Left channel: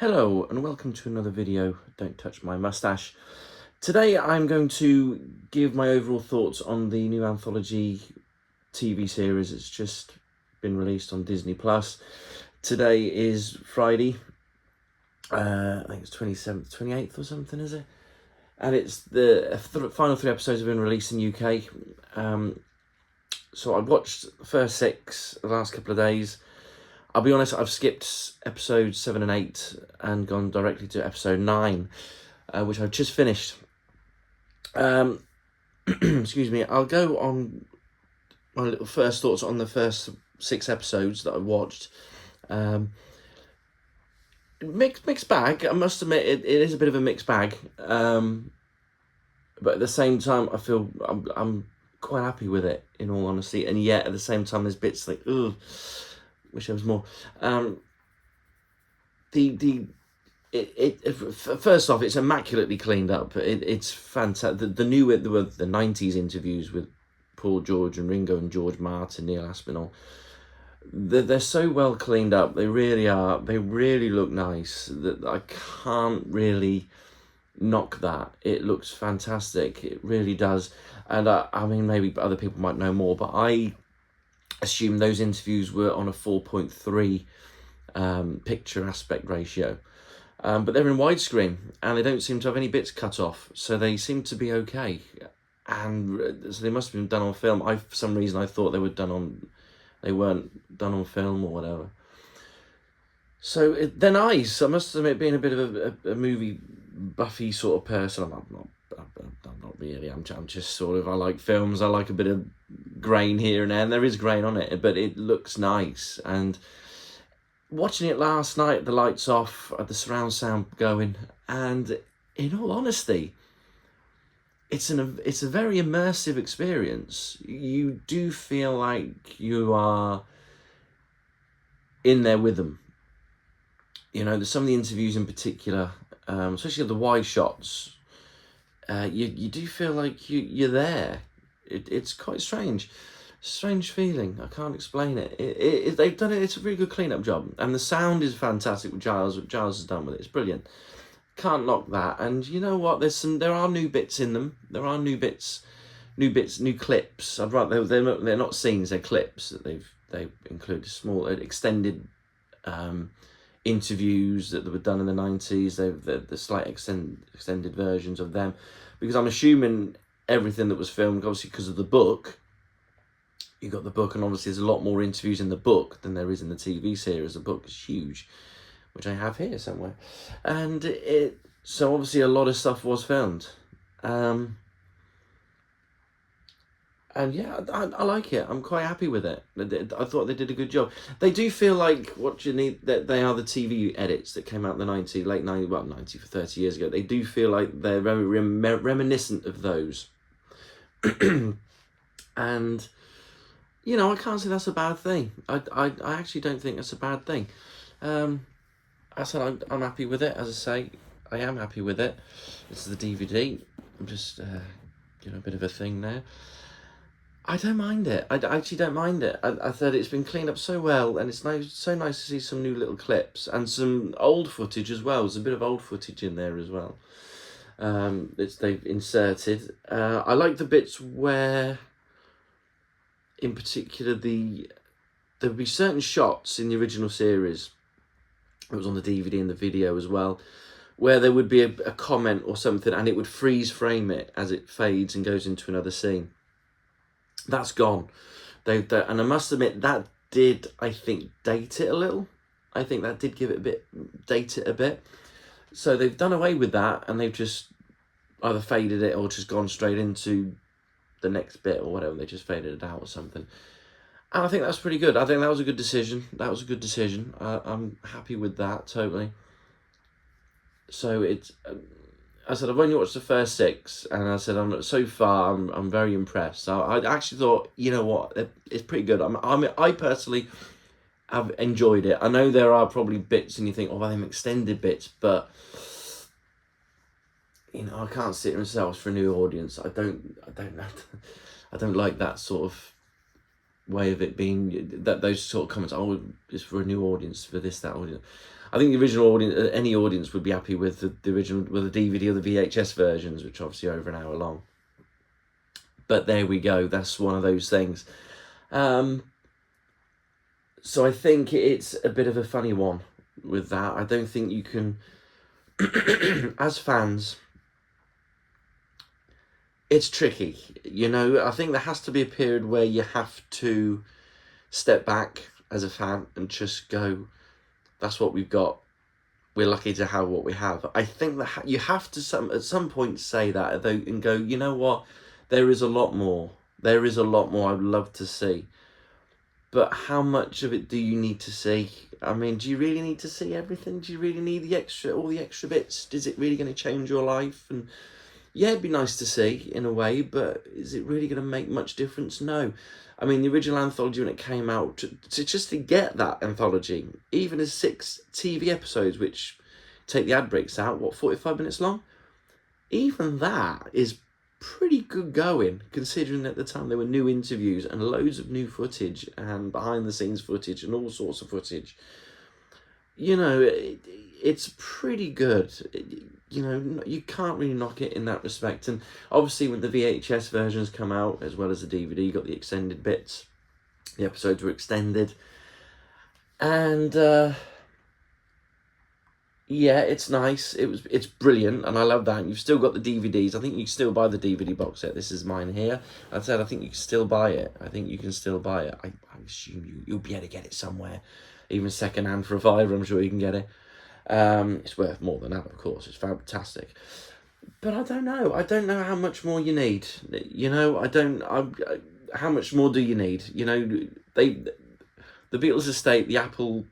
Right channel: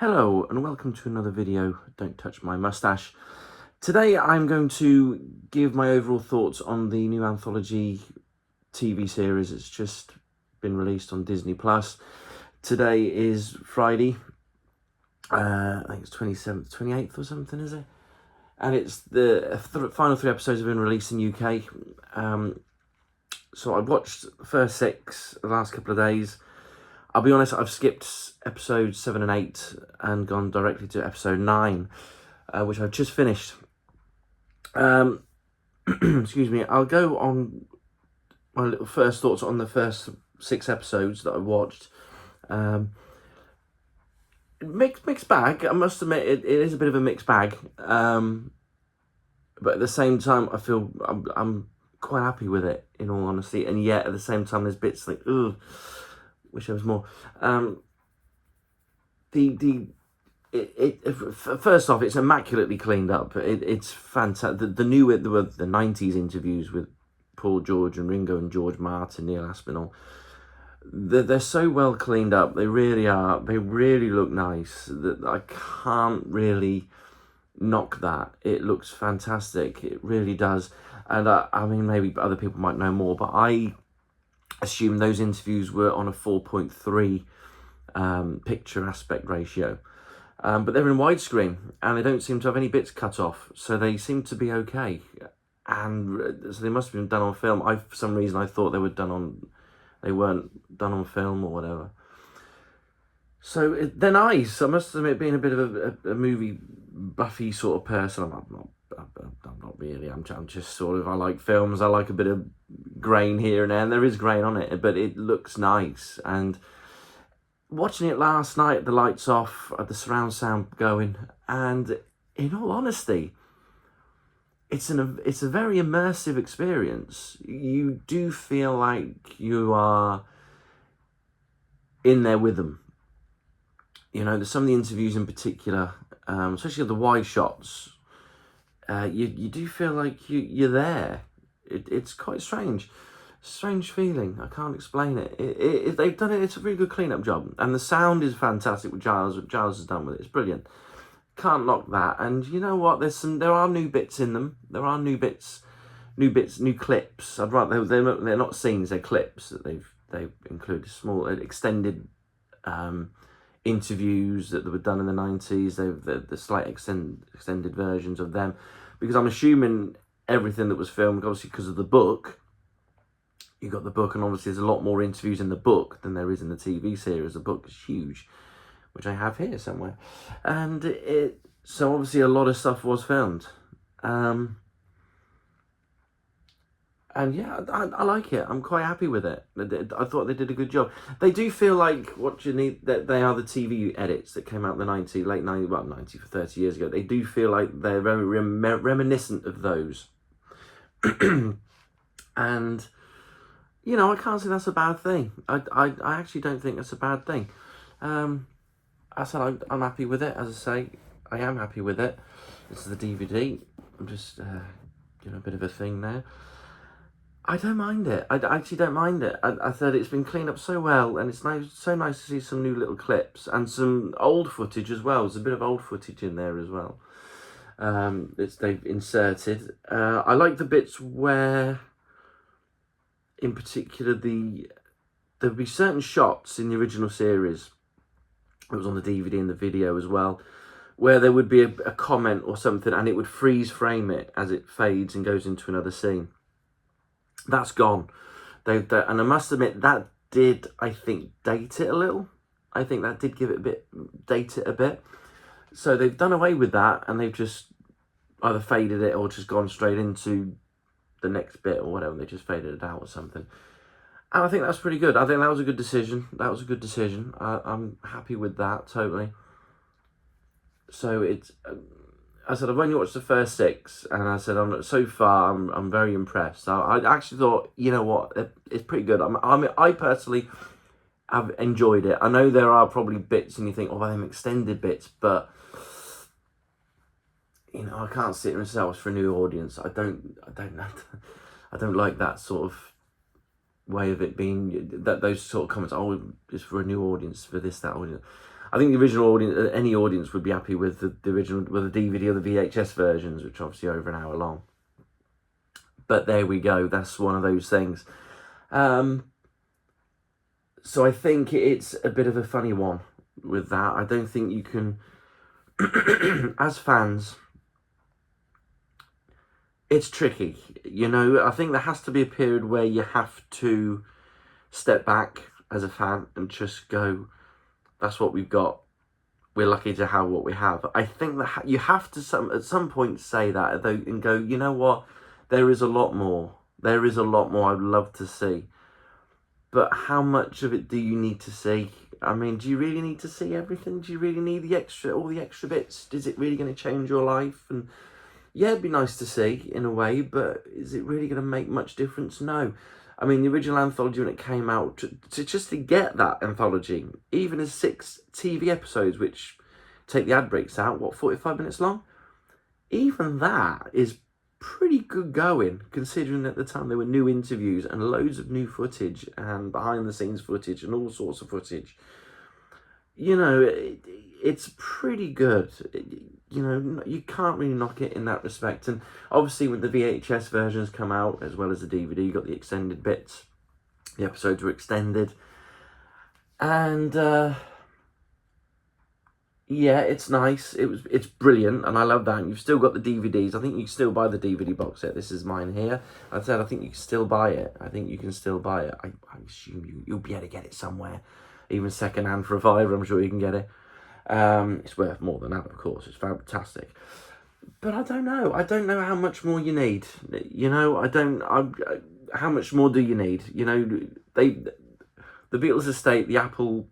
Hello and welcome to another video, Don't Touch My Mustache. Today I'm going to give my overall thoughts on the new anthology TV series that's just been released on Disney+. Today is Friday, I think it's 27th, 28th or something, is it? And it's the final 3 episodes have been released in the UK. So I've watched the first 6 the last couple of days. I'll be honest, I've skipped episodes 7 and 8 and gone directly to episode 9, which I've just finished. Excuse me, I'll go on my little first thoughts on the first 6 episodes that I watched. Mixed bag, I must admit, it is a bit of a mixed bag. But at the same time, I feel I'm quite happy with it, in all honesty. And yet, at the same time, there's bits like, ugh, wish there was more. First off, it's immaculately cleaned up. It's fantastic. The 90s interviews with Paul George and Ringo and George Martin, Neil Aspinall. They're so well cleaned up. They really are. They really look nice. That I can't really knock that. It looks fantastic. It really does. And I mean, maybe other people might know more, but I assume those interviews were on a 4.3 picture aspect ratio. But they're in widescreen and they don't seem to have any bits cut off, so they seem to be okay. And so they must have been done on film. For some reason I thought they weren't done on film or whatever. So they're nice. I must admit, being a bit of a movie buffy sort of person, I'm not really. I'm just sort of, I like films. I like a bit of grain here and there, and there is grain on it, but it looks nice. And watching it last night, the lights off, the surround sound going, and in all honesty, it's a very immersive experience. You do feel like you are in there with them. You know, there's some of the interviews in particular, especially the wide shots. You do feel like you're there. It's quite strange feeling. I can't explain it. They've done it. It's a really good cleanup job, and the sound is fantastic. What Giles has done with it, it's brilliant. Can't knock that. And you know what? There are new bits in them. There are new clips. I'd rather they're not scenes. They're clips that they've included, small extended interviews that were done in the 90s. The slight extended versions of them, because I'm assuming everything that was filmed, obviously because of the book. You got the book, and obviously there's a lot more interviews in the book than there is in the TV series. The book is huge, which I have here somewhere, and so obviously a lot of stuff was filmed. And yeah, I like it. I'm quite happy with it. I thought they did a good job. They do feel like what you need, that they are the TV edits that came out in the late 90 for 30 years ago. They do feel like they're very reminiscent of those. And you know, I can't say that's a bad thing. I actually don't think that's a bad thing. I said I'm happy with it. As I say, I am happy with it. This is the DVD. I'm just doing a bit of a thing there. I don't mind it. I actually don't mind it. I thought it's been cleaned up so well, and it's so nice to see some new little clips and some old footage as well. There's a bit of old footage in there as well. They've inserted. I like the bits where, in particular, there'll be certain shots in the original series. It was on the DVD and the video as well, where there would be a comment or something, and it would freeze frame it as it fades and goes into another scene. That's gone. And I must admit, that did, I think, date it a little. I think that did date it a bit. So they've done away with that, and they've just either faded it or just gone straight into the next bit or whatever. They just faded it out or something. And I think that's pretty good. I think that was a good decision. I'm happy with that, totally. So it's, I said, I've only watched the first 6, and I said, so far I'm very impressed. So I actually thought, you know what, it's pretty good. I personally have enjoyed it. I know there are probably bits, and you think, oh, them extended bits, but you know, I can't sit myself for a new audience. I don't like that sort of way of it being, that those sort of comments. Oh, it's for a new audience, for this, that audience. I think the original audience, any audience would be happy with the original, with the DVD or the VHS versions, which are obviously over an hour long. But there we go. That's one of those things. So I think it's a bit of a funny one with that. I don't think you can, as fans, it's tricky. You know, I think there has to be a period where you have to step back as a fan and just go, that's what we've got. We're lucky to have what we have. I think that you have to at some point say that and go, you know what? There is a lot more. There is a lot more I'd love to see. But how much of it do you need to see? I mean, do you really need to see everything? Do you really need all the extra bits? Is it really going to change your life? And yeah, it'd be nice to see in a way, but is it really going to make much difference? No. I mean, the original anthology, when it came out, just to get that anthology, even as 6 TV episodes, which take the ad breaks out, what, 45 minutes long? Even that is pretty good going, considering at the time there were new interviews and loads of new footage and behind the scenes footage and all sorts of footage. You know, it's pretty good. You know, you can't really knock it in that respect. And obviously when the VHS versions come out, as well as the DVD, you got the extended bits. The episodes were extended. And yeah, it's nice. It's brilliant, and I love that. You've still got the DVDs. I think you can still buy the DVD box set. This is mine here. I said I think you can still buy it. I think you can still buy it. I assume you'll be able to get it somewhere, even second hand for a £5. I'm sure you can get it. It's worth more than that, of course. It's fantastic. But I don't know. I don't know how much more you need. You know, how much more do you need? You know, the Beatles estate, the Apple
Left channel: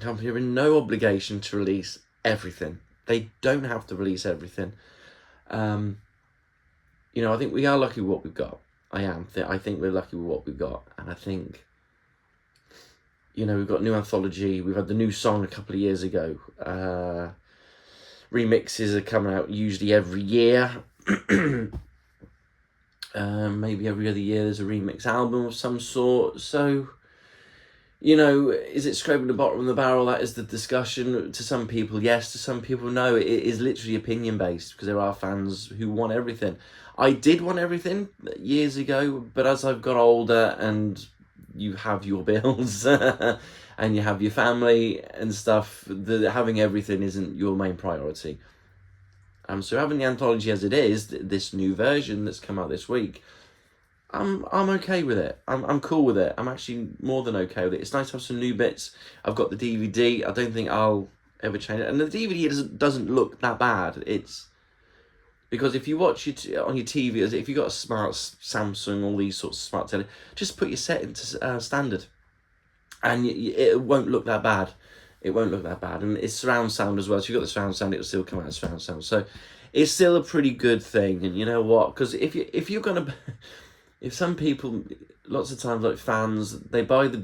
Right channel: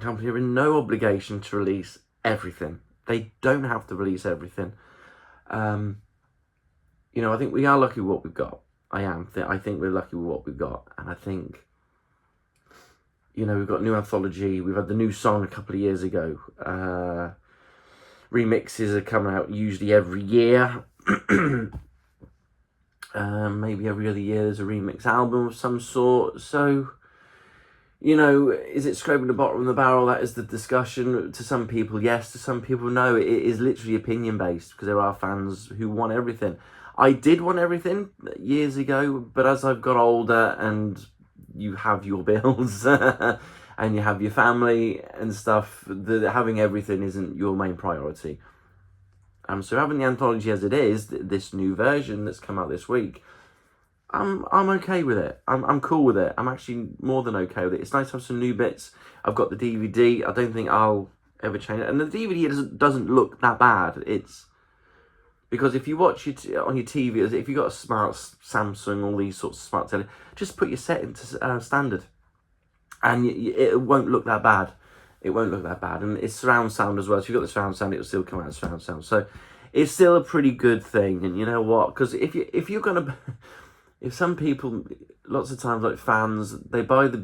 company, are in no obligation to release everything. They don't have to release everything. You know, I think we are lucky with what we've got. I think we're lucky with what we've got. And I think, you know, we've got new anthology. We've had the new song a couple of years ago. Remixes are coming out usually every year. Maybe every other year there's a remix album of some sort. So, you know, is it scraping the bottom of the barrel? That is the discussion. To some people, yes. To some people, no. It is literally opinion-based, because there are fans who want everything. I did want everything years ago, but as I've got older and you have your bills and you have your family and stuff, having everything isn't your main priority. So having the anthology as it is, this new version that's come out this week, I'm okay with it. I'm cool with it. I'm actually more than okay with it. It's nice to have some new bits. I've got the DVD. I don't think I'll ever change it. And the DVD doesn't look that bad. It's because if you watch it on your TV, if you've got a smart Samsung, all these sorts of smart telly, just put your setting to standard, and it won't look that bad. It won't look that bad. And it's surround sound as well. So if you've got the surround sound, it'll still come out as surround sound. So it's still a pretty good thing. And you know what? Because if you're gonna if some people, lots of times, like fans, they buy the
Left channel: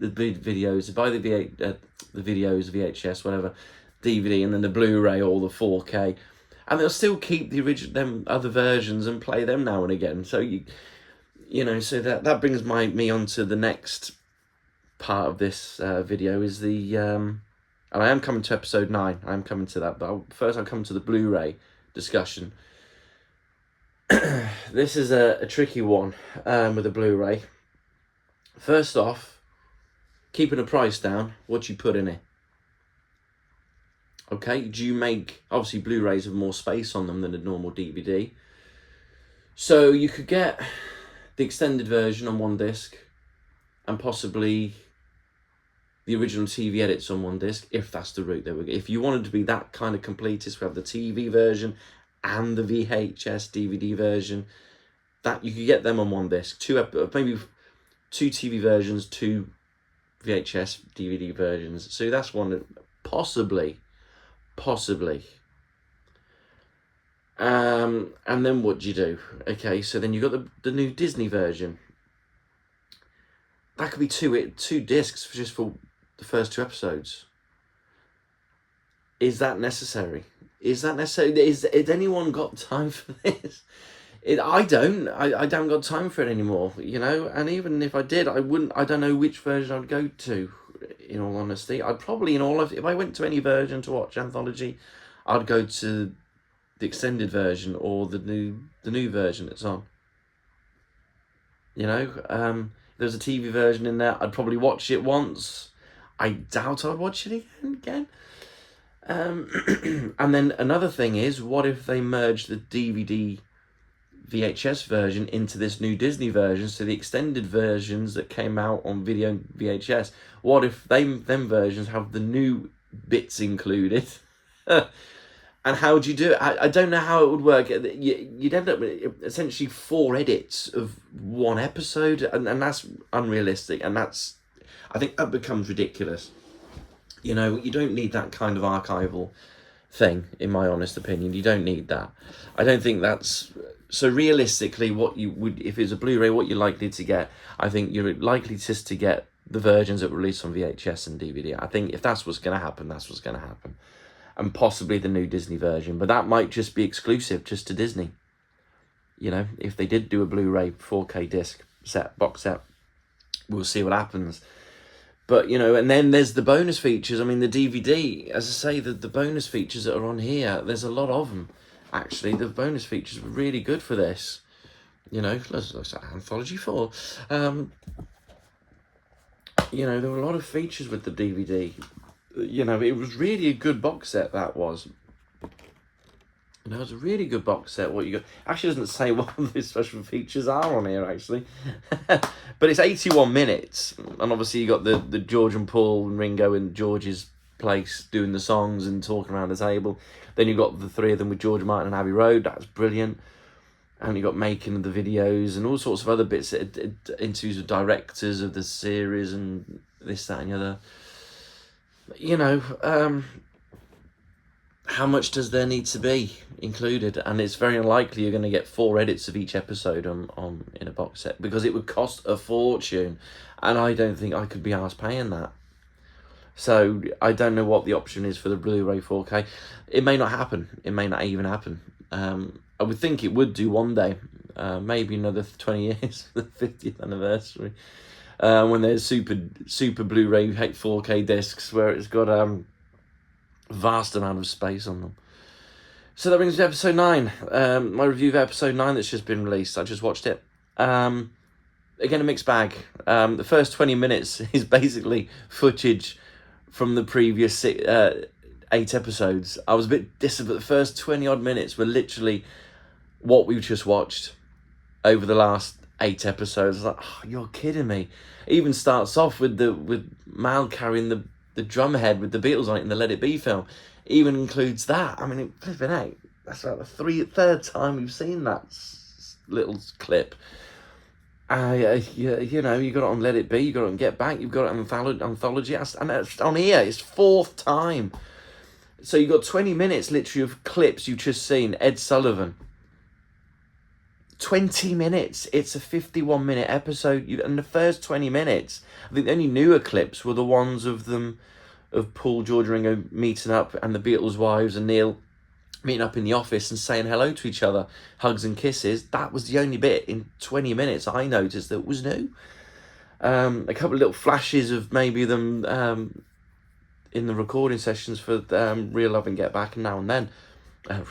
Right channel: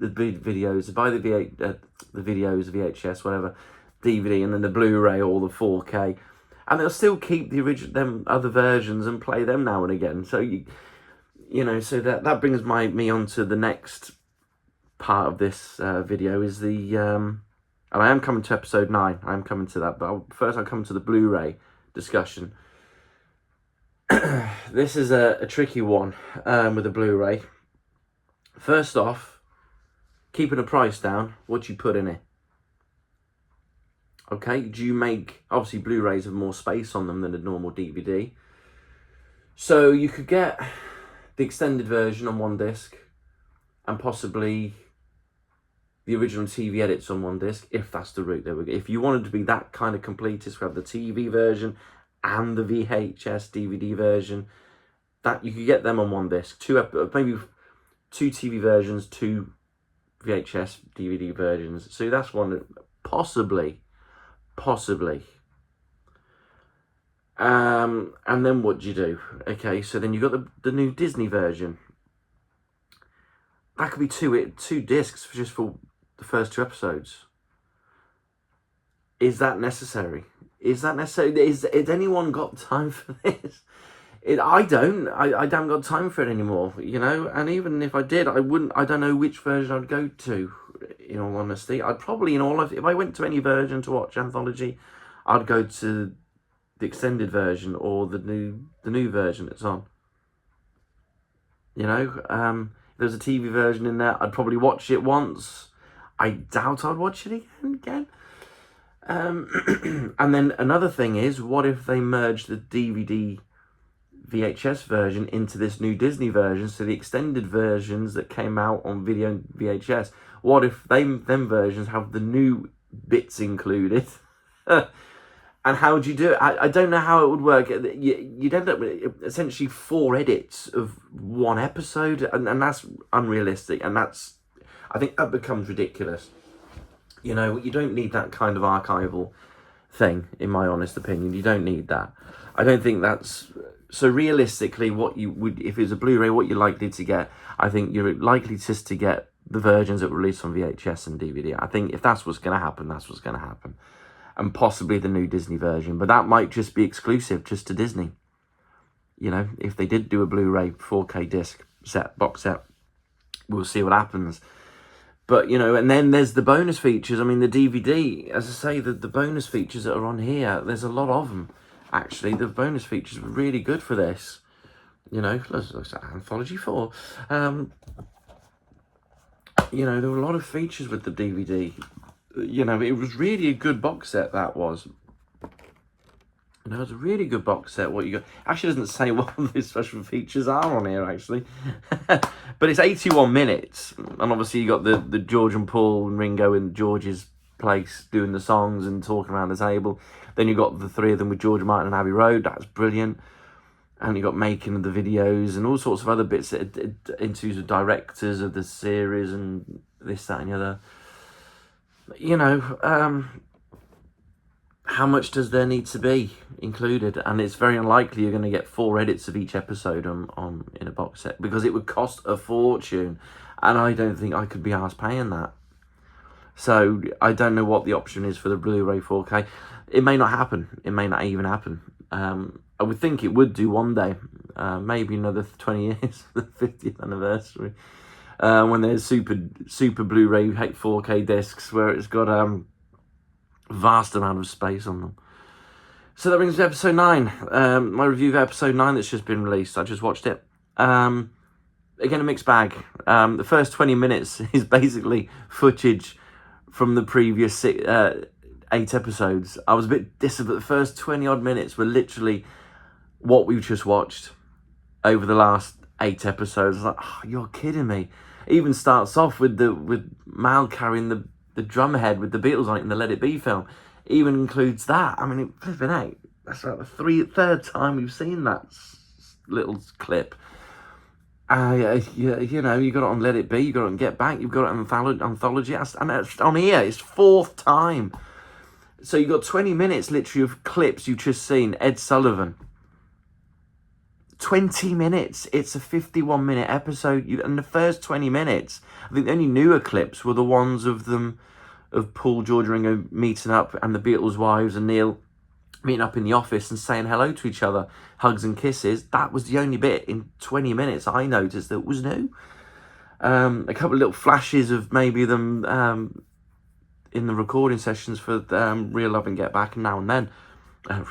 videos, they buy the videos, VHS, whatever, DVD, and then the Blu-ray or the 4K, and they'll still keep the original, them other versions, and play them now and again. So you know, so that brings me on to the next part of this video. Is the I am coming to episode 9. I am coming to that, but first I'll come to the Blu-ray discussion. This is a tricky one with a Blu-ray. First off, keeping the price down, what do you put in it? Okay, do you make, obviously Blu-rays have more space on them than a normal DVD. So you could get the extended version on one disc and possibly the original TV edits on one disc, if that's the route they would get. If you wanted to be that kind of completist, we have the TV version and the VHS DVD version, that you could get them on one disc. Maybe 2 TV versions, 2 VHS DVD versions. So that's one that possibly. And then what do you do? Okay, so then you've got the new Disney version. That could be two discs just for the first 2 episodes. Is that necessary? Is anyone got time for this? I don't. I haven't got time for it anymore, you know. And even if I did, I don't know which version I'd go to. in all honesty. I'd probably, if I went to any version to watch Anthology, I'd go to the extended version or the new version that's on. There's a TV version in there. I'd probably watch it once. I doubt I'd watch it again. And then another thing is, what if they merge the DVD VHS version into this new Disney version? So the extended versions that came out on video and VHS, what if them versions have the new bits included? And how would you do it? I don't know how it would work. You'd end up with essentially 4 edits of one episode, and that's unrealistic. And I think that becomes ridiculous. You don't need that kind of archival thing, in my honest opinion. You don't need that. I don't think that's... So realistically, what you would, if it's a Blu-ray, what you're likely to get, I think you're likely just to get the versions that were released on VHS and DVD. I think if that's what's going to happen, that's what's going to happen. And possibly the new Disney version, but that might just be exclusive just to Disney. If they did do a Blu-ray 4K disc set, box set, we'll see what happens. But, and then there's the bonus features. I mean, the DVD, as I say, the bonus features that are on here, there's a lot of them, actually. The bonus features were really good for this. Let's Anthology 4. There were a lot of features with the DVD. It was really a good box set, that was. It was a really good box set. What you got actually doesn't say what the special features are on here, actually. But it's 81 minutes. And obviously you got the George and Paul and Ringo in George's place doing the songs and talking around the table. Then you got the 3 of them with George Martin and Abbey Road. That's brilliant. And you got making of the videos and all sorts of other bits, interviews with directors of the series and this, that and the other. How much does there need to be included? And it's very unlikely you're going to get 4 edits of each episode in a box set, because it would cost a fortune, and I don't think I could be arsed paying that. So I don't know what the option is for the Blu-ray 4K. It may not happen. It may not even happen. I would think it would do one day, maybe another 20 years, the 50th anniversary. When there's super Blu-ray 4K discs where it's got vast amount of space on them. So that brings me to episode 9. My review of episode 9 that's just been released. I just watched it. Again, a mixed bag. The first 20 minutes is basically footage from the previous 8 episodes. I was a bit disappointed, but the first 20 odd minutes were literally what we've just watched over the last 8 episodes. I was like, oh, you're kidding me. It even starts off with Mal carrying the drum head with the Beatles on it in the Let It Be film. It even includes that. I mean, flipping out. That's like the third time we've seen that little clip. You got it on Let It Be, you got it on Get Back, you've got it on Anthology, and it's on here, it's 4th time. So you got 20 minutes literally of clips you've just seen. Ed Sullivan. 20 minutes. It's a 51-minute episode. And the first 20 minutes, I think the only newer clips were the ones of Paul, George, Ringo meeting up, and the Beatles' wives and Neil meeting up in the office and saying hello to each other, hugs and kisses. That was the only bit in 20 minutes I noticed that was new. A couple of little flashes of maybe them in the recording sessions for Real Love and Get Back and Now and Then.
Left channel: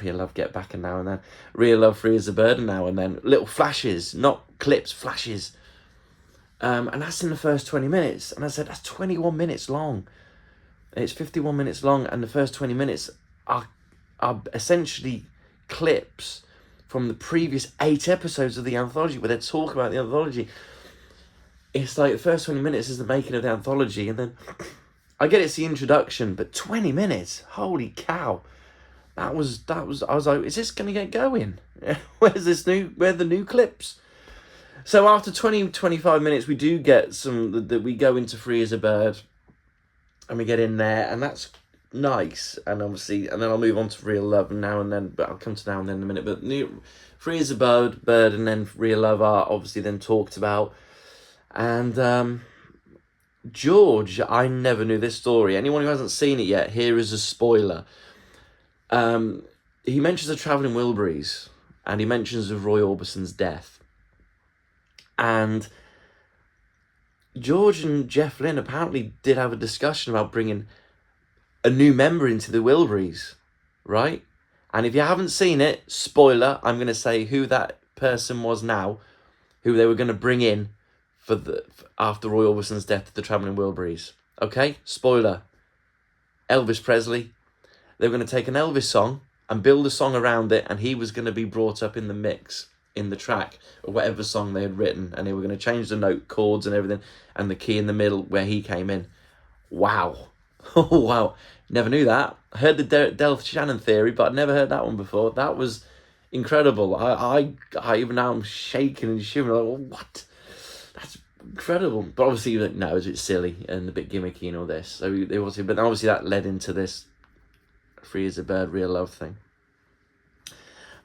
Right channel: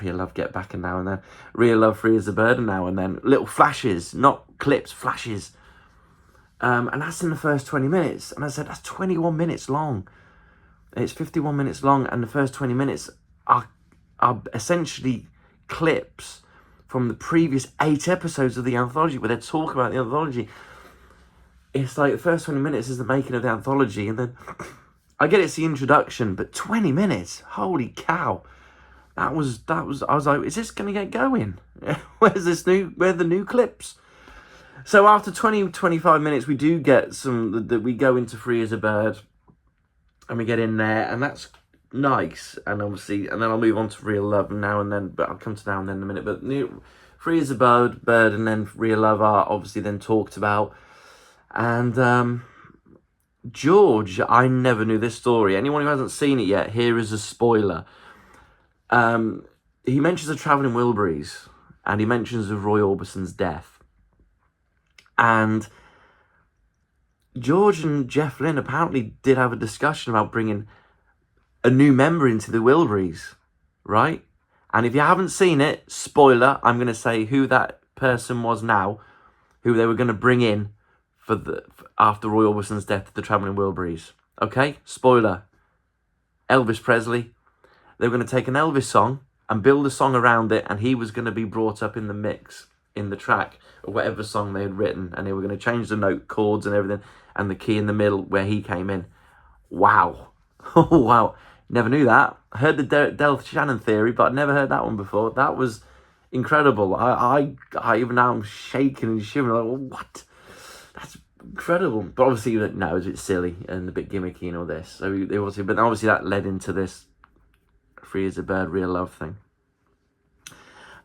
Real Love, Get Back and Now and Then. Real Love, Free as a Bird and Now and Then. Little flashes, not clips, flashes. And that's in the first 20 minutes. And I said, that's 21 minutes long. It's 51 minutes long, and the first 20 minutes are essentially clips from the previous 8 episodes of the anthology, where they talk about the anthology. It's like the first 20 minutes is the making of the anthology, and then I get it's the introduction, but 20 minutes, holy cow. That was I was like, is this gonna get going? Where are the new clips? So after 25 minutes, we do get that we go into Free as a Bird, and we get in there, and that's nice. And obviously, and then I'll move on to Real Love and Now and Then, but I'll come to Now and Then in a minute. But Free as a Bird, and then Real Love are obviously then talked about. And George, I never knew this story. Anyone who hasn't seen it yet, here is a spoiler. He mentions the Travelling Wilburys, and he mentions of Roy Orbison's death. And George and Jeff Lynne apparently did have a discussion about bringing a new member into the Wilburys, right? And if you haven't seen it, spoiler, I'm going to say who that person was now, who they were going to bring in after Roy Orbison's death to the Travelling Wilburys. Okay, spoiler, Elvis Presley. They were going to take an Elvis song and build a song around it, and he was going to be brought up in the mix, in the track, or whatever song they had written, and they were going to change the note chords and everything, and the key in the middle where he came in. Wow. Wow. Never knew that. I heard the Del Shannon theory, but I'd never heard that one before. That was incredible. I even now I'm shaking and shivering. Like, well, what? That's incredible. But obviously, no, it's silly and a bit gimmicky and all this. So they obviously, but obviously that led into this Free as a Bird, Real Love thing.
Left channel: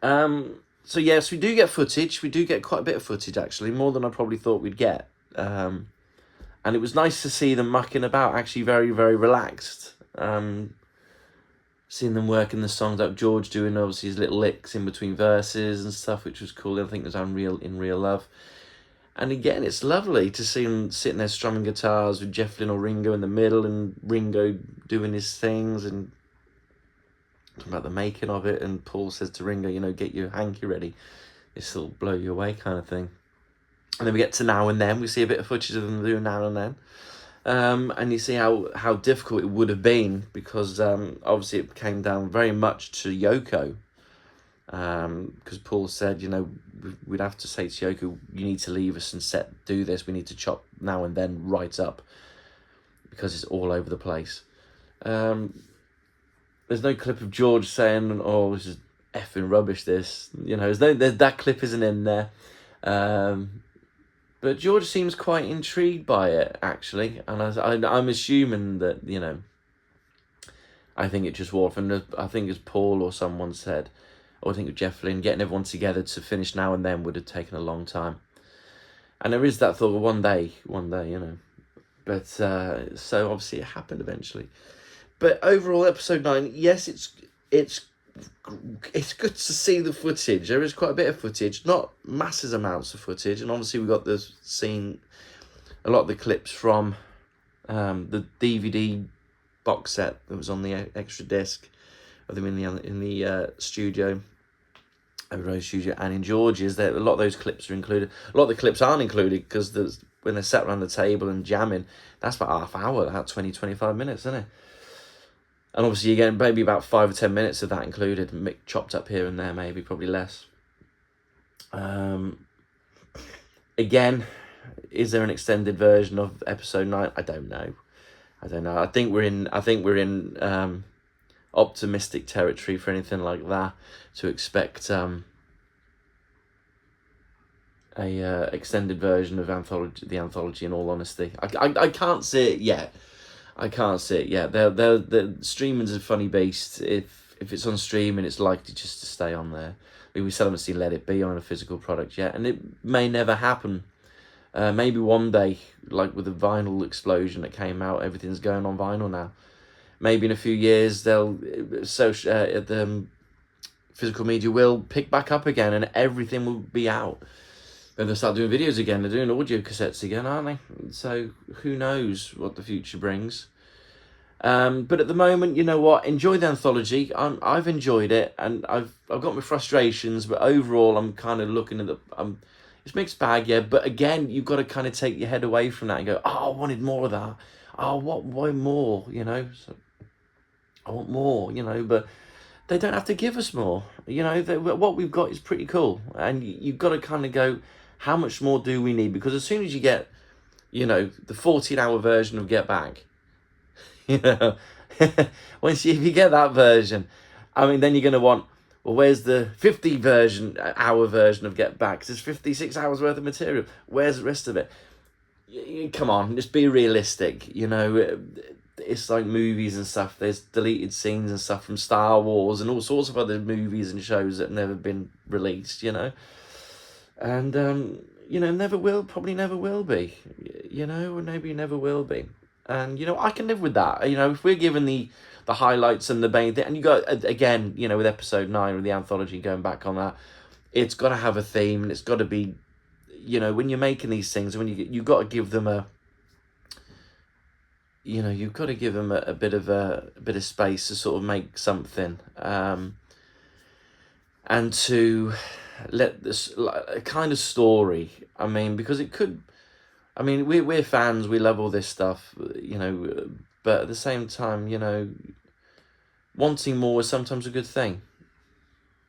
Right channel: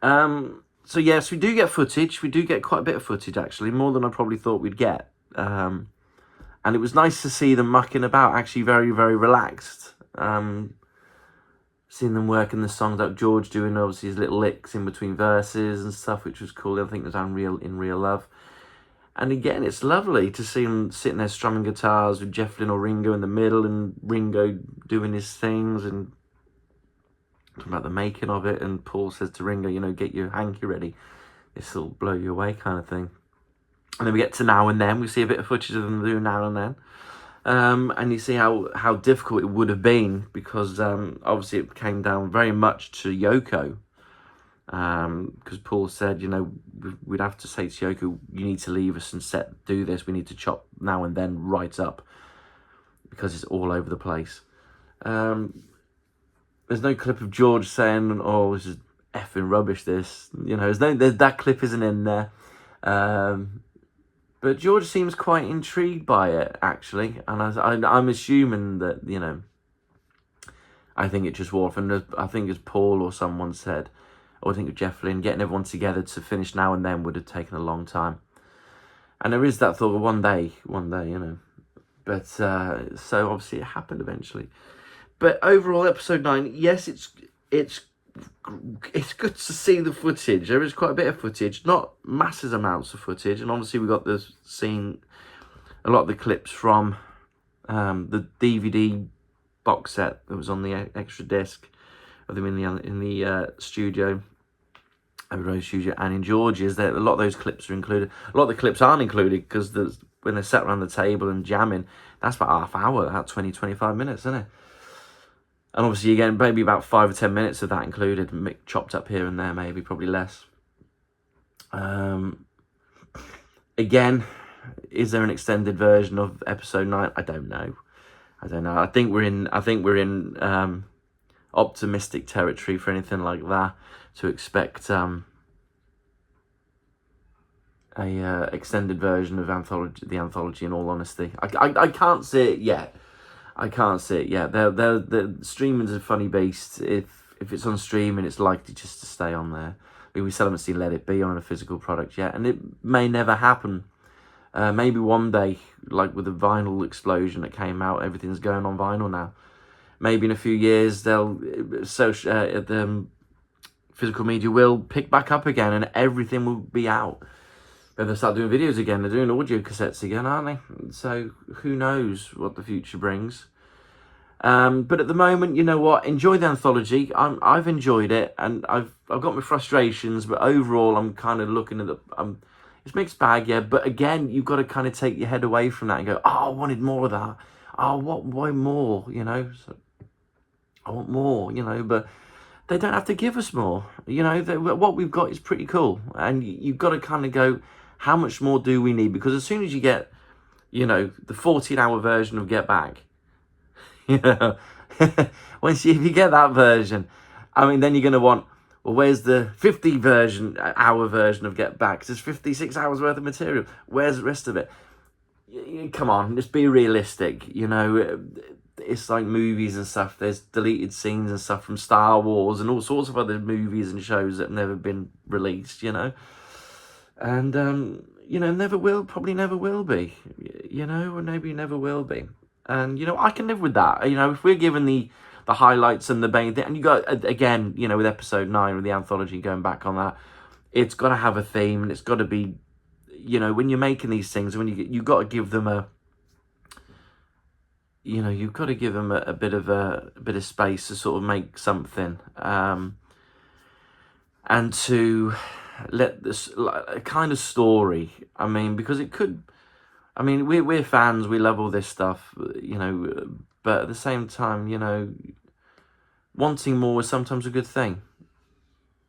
So yes, we do get footage. We do get quite a bit of footage, actually, more than I probably thought we'd get. And it was nice to see them mucking about, actually very, very relaxed. Seeing them working the songs out, George doing obviously his little licks in between verses and stuff, which was cool. I think it was in Real Love. And again, it's lovely to see them sitting there strumming guitars with Jeff Lynne or Ringo in the middle, and Ringo doing his things and talking about the making of it. And Paul says to Ringo, you know, get your hanky ready. This will blow you away kind of thing. And then we get to Now and Then. We see a bit of footage of them doing Now and Then. And you see how difficult it would have been, because obviously it came down very much to Yoko. Because Paul said, you know, we'd have to say to Yoko, you need to leave us and do this. We need to chop Now and Then right up, because it's all over the place. There's no clip of George saying, oh, this is effing rubbish, this. You know, that clip isn't in there. But George seems quite intrigued by it, actually. And I'm assuming that, you know, I think it just wore off. And I think as Paul or someone said, or I think of Jeff Lynne, getting everyone together to finish Now and Then would have taken a long time. And there is that thought of one day, you know. But, so obviously it happened eventually. But overall, episode 9, yes, it's good to see the footage. There is quite a bit of footage, not massive amounts of footage, and obviously we got this scene, a lot of the clips from the DVD box set that was on the extra disc of them in the studio, Abbey Road studio, and in George's. A lot of those clips are included. A lot of the clips aren't included because when they're sat around the table and jamming, that's about half hour, about 20-25 minutes, isn't it? And obviously, again, maybe about 5 or 10 minutes of that included, chopped up here and there, maybe, probably less. Again, is there an extended version of episode 9? I don't know. I think we're in optimistic territory for anything like that, to expect a extended version of the anthology. In all honesty, I can't see it yet. The streaming's a funny beast. If it's on streaming, it's likely just to stay on there. We still haven't seen Let It Be on a physical product yet, and it may never happen. Maybe one day, like with the vinyl explosion that came out, everything's going on vinyl now. Maybe in a few years, the physical media will pick back up again, and everything will be out. Then they'll start doing videos again. They're doing audio cassettes again, aren't they? So who knows what the future brings. But at the moment, you know what? Enjoy the anthology. I've enjoyed it, and I've got my frustrations, but overall, I'm kind of looking at it's mixed bag, yeah. But again, you've got to kind of take your head away from that and go, oh, I wanted more of that. Oh, why more? You know, so I want more. You know, but they don't have to give us more. You know, what we've got is pretty cool, and you've got to kind of go, how much more do we need? Because as soon as you get, you know, the 14-hour version of Get Back, you know, if you get that version, I mean, then you're going to want, well, where's the 50-hour version of Get Back? There's 56 hours worth of material. Where's the rest of it? Come on, let's be realistic. You know, it's like movies and stuff. There's deleted scenes and stuff from Star Wars and all sorts of other movies and shows that have never been released, you know. And, you know, probably never will be, you know, or maybe never will be. And, you know, I can live with that. You know, if we're given the highlights and the main thing, and you got, again, you know, with episode 9 with the anthology, going back on that, it's got to have a theme, and it's got to be, you know, when you're making these things, when you've got to give them you know, you've got to give them a bit of space to sort of make something, and to let this a kind of story. I mean, because it could. I mean, we're fans. We love all this stuff, you know. But at the same time, you know, wanting more is sometimes a good thing.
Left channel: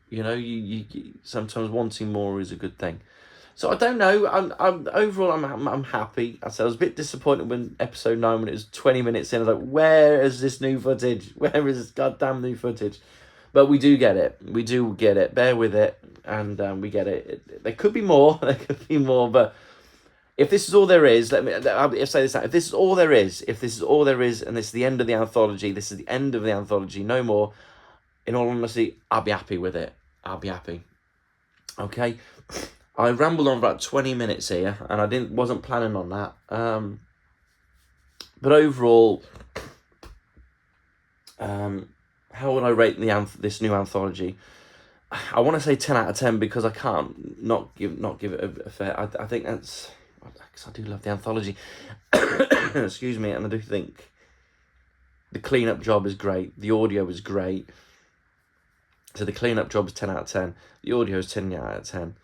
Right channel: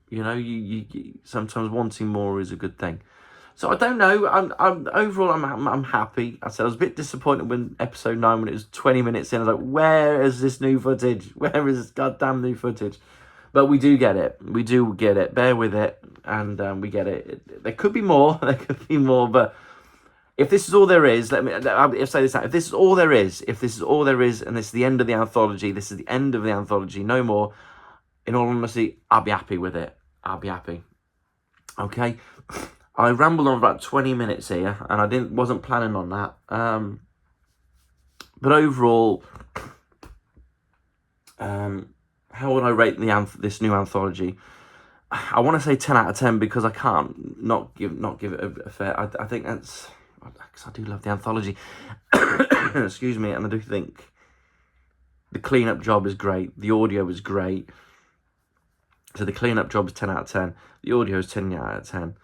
You know, you sometimes wanting more is a good thing. So I don't know. I'm overall I'm happy. I said I was a bit disappointed when episode 9, when it was 20 minutes in. I was like, where is this new footage? Where is this goddamn new footage? But we do get it. We do get it. Bear with it, and we get it. There could be more. There could be more. But if this is all there is, I'll say this now. If this is all there is, and this is the end of the anthology, this is the end of the anthology. No more. In all honesty, I'll be happy with it. I'll be happy. Okay. I rambled on for about 20 minutes here, and I wasn't planning on that. But overall, how would I rate this new anthology? I want to say 10 out of 10 because I can't not give it a fair. I think that's because I do love the anthology. Excuse me, and I do think the cleanup job is great. The audio is great. So the cleanup job is 10 out of 10. The audio is 10 out of 10.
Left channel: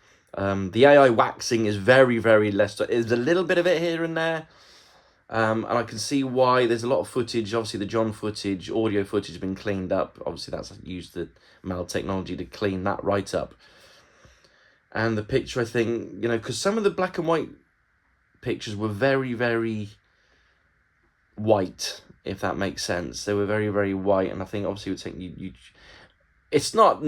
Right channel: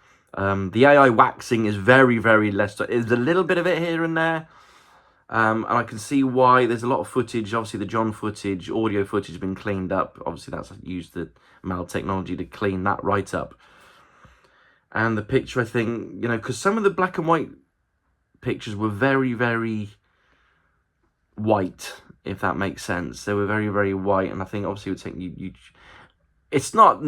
The AI waxing is very, very less. There's a little bit of it here and there. And I can see why there's a lot of footage. Obviously, the John footage, audio footage has been cleaned up. Obviously, that's used the ML technology to clean that right up. And the picture, I think, you know, because some of the black and white pictures were very, very white, if that makes sense. They were very, very white. And I think, obviously, it would take it's not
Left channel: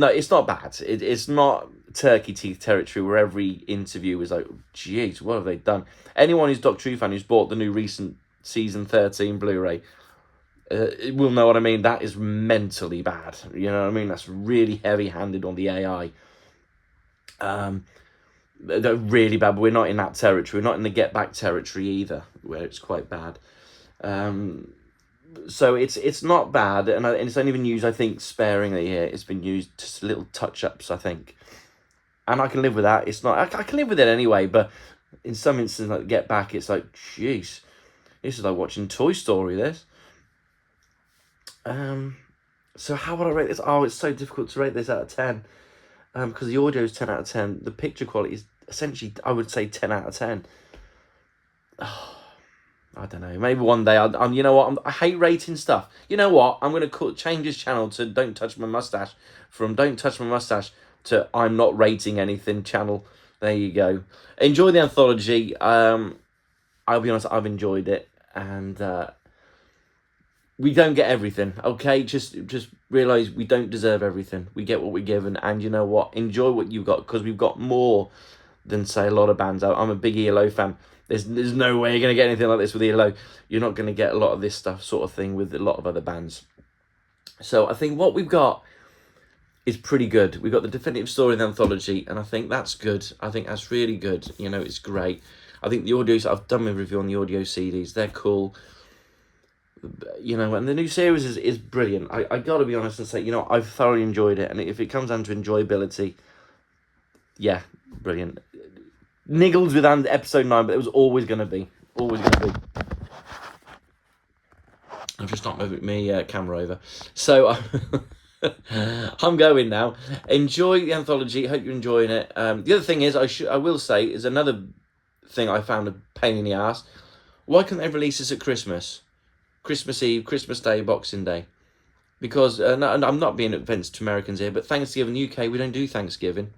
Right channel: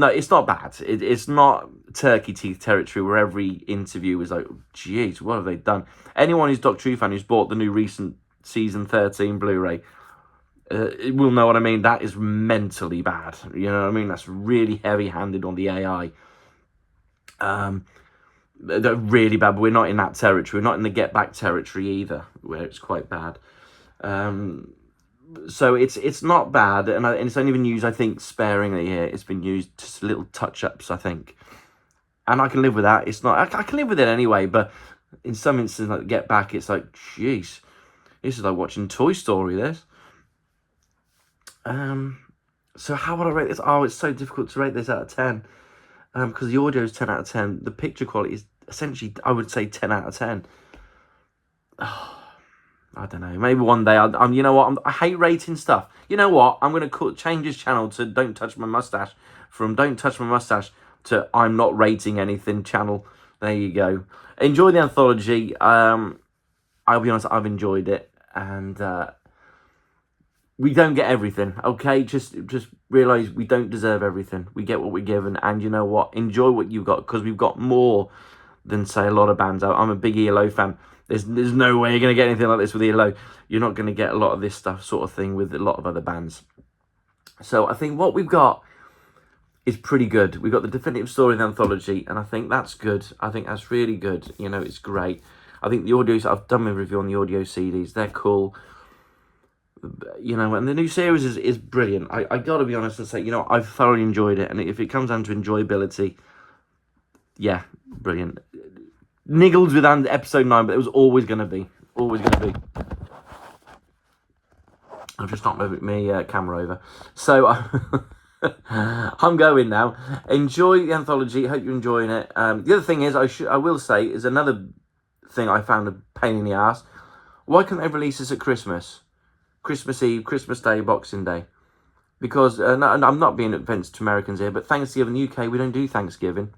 bad. It's not turkey teeth territory where every interview is like, geez, what have they done? Anyone who's Doctor Who fan who's bought the new recent season 13 Blu-ray will know what I mean. That is mentally bad. You know what I mean? That's really heavy-handed on the AI. They're really bad, but we're not in that territory. We're not in the get back territory either, where it's quite bad. So it's not bad, and it's only been used, I think, sparingly here. It's been used just little touch-ups, I think, and I can live with that. It's not, I can live with it anyway, but in some instances, like Get Back, it's like, jeez, this is like watching Toy Story, this. So how would I rate this? Oh, it's so difficult to rate this out of 10, because the audio is 10 out of 10. The picture quality is essentially, I would say, 10 out of 10. Oh, I don't know. Maybe one day I'm. You know what? I hate rating stuff. You know what? I'm gonna change this channel to "Don't Touch My Mustache," from "Don't Touch My Mustache" to "I'm Not Rating Anything" channel. There you go. Enjoy the anthology. I'll be honest. I've enjoyed it, and we don't get everything. Okay, just realize we don't deserve everything. We get what we're given, and you know what? Enjoy what you've got, because we've got more than, say, a lot of bands out. I'm a big ELO fan. There's no way you're going to get anything like this with ELO. You're not going to get a lot of this stuff sort of thing with a lot of other bands. So I think what we've got is pretty good. We've got the definitive story of the anthology, and I think that's good. I think that's really good. You know, it's great. I think the audios, I've done my review on the audio CDs. They're cool. You know, and the new series is brilliant. I got to be honest and say, you know, I've thoroughly enjoyed it. And if it comes down to enjoyability, yeah, brilliant. Niggled with episode 9, but it was always going to be. Always going to be. I've just knocked my camera over. So I'm going now. Enjoy the anthology. Hope you're enjoying it. The other thing is, I will say, is another thing I found a pain in the ass. Why can't they release this at Christmas? Christmas Eve, Christmas Day, Boxing Day. Because, and I'm not being offensive to Americans here, but Thanksgiving in the UK, we don't do Thanksgiving.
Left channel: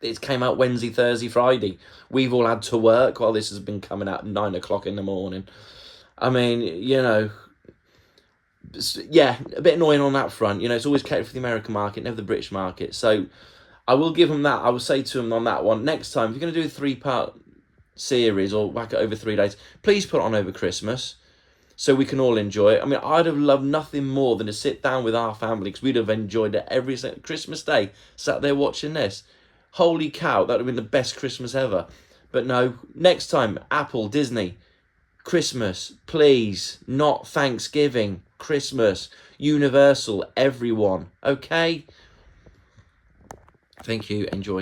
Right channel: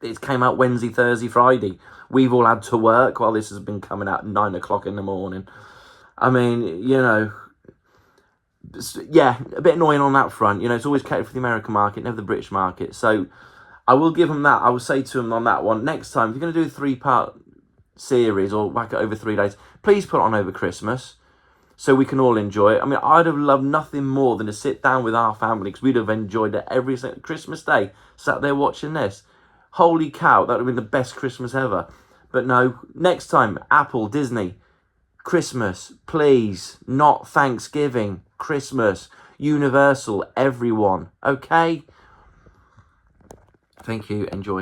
It came out Wednesday, Thursday, Friday. We've all had to work while this has been coming out at 9 o'clock in the morning. I mean, you know, yeah, a bit annoying on that front. You know, it's always catered for the American market, never the British market. So I will give them that. I will say to them on that one, next time, if you're going to do a 3-part series or whack it over 3 days, please put it on over Christmas so we can all enjoy it. I mean, I'd have loved nothing more than to sit down with our family, because we'd have enjoyed it every Christmas Day, sat there watching this. Holy cow, that would have been the best Christmas ever. But no, next time, Apple, Disney, Christmas, please, not Thanksgiving, Christmas, Universal, everyone, okay? Thank you, enjoy.